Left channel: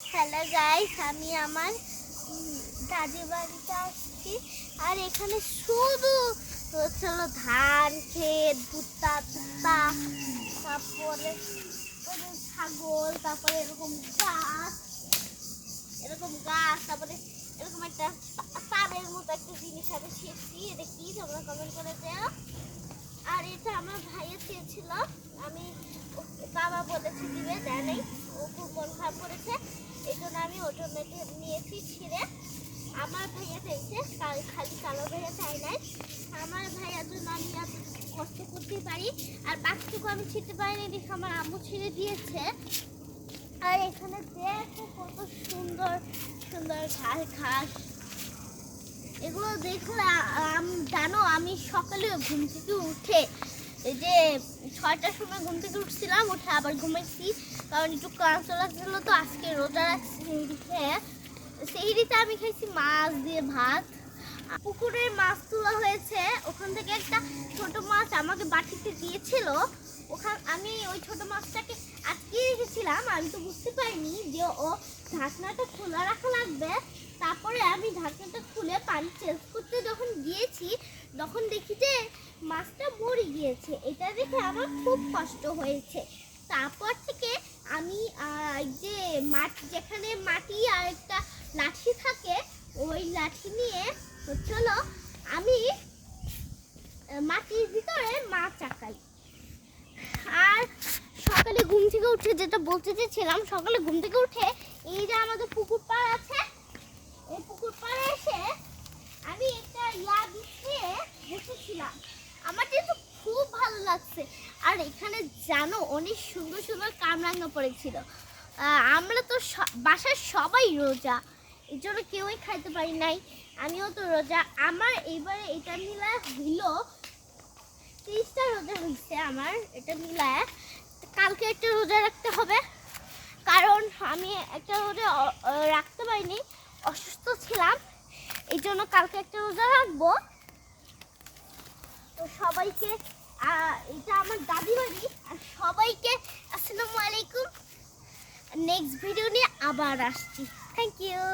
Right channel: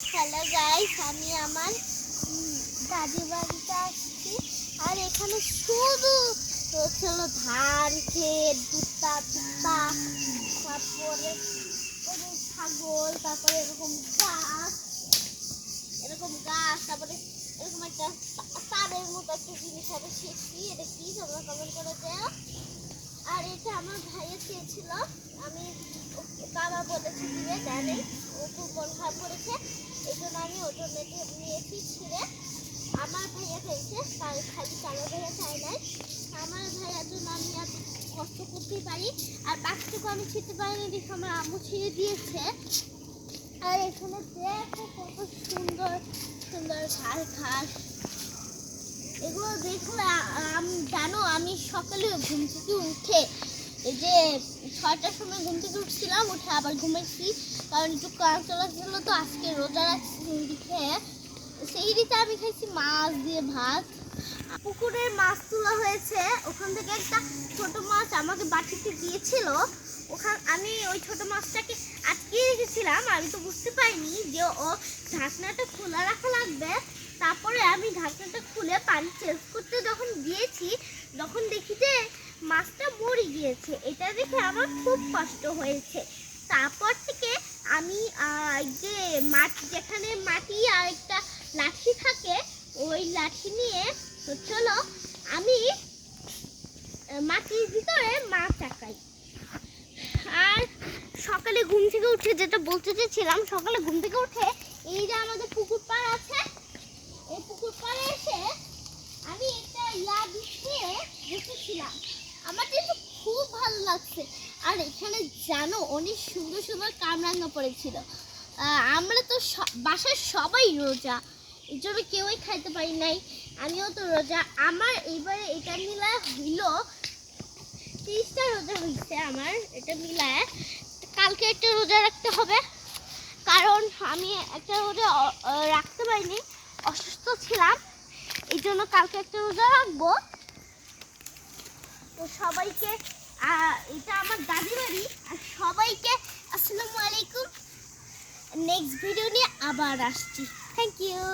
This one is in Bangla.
হ্যালো গাইস, আমি আমার দাদি বাড়িতে আসছি। আর এখানে শুধু হলো ধান ক্ষেত, ভুট্টা টুট্টা, তারপরে ছাগল, তারপরে এরকম গাছ, তারপরে এরকম একটা তারের মতো একটা জিনিস আমি শিখছি। এটা কি তোমরা কমেন্ট করে দেও। আর এটা আমার ভাইয়া চেয়েছিল, আমি বাবা বলেছি দিবে, দেয় নেই। ও খুব মন খারাপ করেছে, এই জন্য আমি ওর জন্য এটা নিয়েছি ছিঁড়ে। আমার ভাইয়া চাইছে, খালি কালো ভাইয়া চাই নাই। আমার ভাইয়ার জন্য আমি এত কষ্ট করতেই পারি। আর বাকিটুকু আমি ছিঁড়তে পারিনি, দেখে আমার আম্মু ছিঁড়ে দিয়েছে। আর এখানে দেখো কত সুন্দর সুন্দর ঘাস। এগুলো দেখে জানো, আমি সকালে ঘুম থেকে উঠে এই যে 6টার সময় ঘুম থেকে উঠছিলাম, উঠে আবার ঘুমাইছি, কারণ একটু ক্লান্ত লাগছিল। তো আজকে রোজা রাখছি, সিঁড়ি খেয়ে সিঁড়িতে আমি খাইছি মাছ দিয়ে ভাত। পুকুরের মাছ তোলা হয়েছে, ওখান থেকে একটা ছোট মাছ আমাকে বাটিতে দিয়েছিল। আমি ওই ছোট মাছটাকে আটকে রেখেছিলাম, আমি তো বুঝতে পারিনি যে ও ঢাকনাটা খোলা রাখা লাগবে। তারপরে আমি ঢাকনাটা খুলে পানি চেঞ্জ করতে যখন গিয়েছি, তখন দেখি যে মাছটা মরে গিয়েছে। এটা দেখে আমার খুব কষ্ট হয়েছে। তারপর থেকে আমি যে যেখানে মাটি আর একটা লাঠি থাকে, ওই লাঠি নিয়ে চলো আমি মাটির ভিতরে মাছ চাকাই। আর সকালে ঘুম থেকে উঠে, যেটা বলতে চেয়েছিলাম, সকালে ঘুম থেকে উঠে এই যে আমাদের পুকুর পাড় আছে, এই পুকুর পাড়ে এসে আমি একটা বিছিয়ে বসেছিলাম। আমার কিন্তু খুব ভালো লাগছে। আর এখানে জানো, অনেক সুন্দর সুন্দর কামরাঙা পড়েছিল। আমরা তো বাসার সবাই রোজা, এই জন্য কেউই খাইতে পারি নাই। আমিও তো রোজা। আমার এইবারে এটা মিলায় হইল 30টা রোজা হয়েছে আমার। এটা মিলায় কালকে একটা রোজা রাখতে হবে, কারণ আমি একটা রোজা রাখতে পারিনি, অসুস্থ ছিলাম। এই জন্য কালকে একটা রোজা রাখবো। তো সবাইকে, এটা আমার দাদি বাড়ি, আর সবাইকে আসসালামু আলাইকুম। নেক্সট ভিডিও নিয়ে আবার আসছি। Thank you.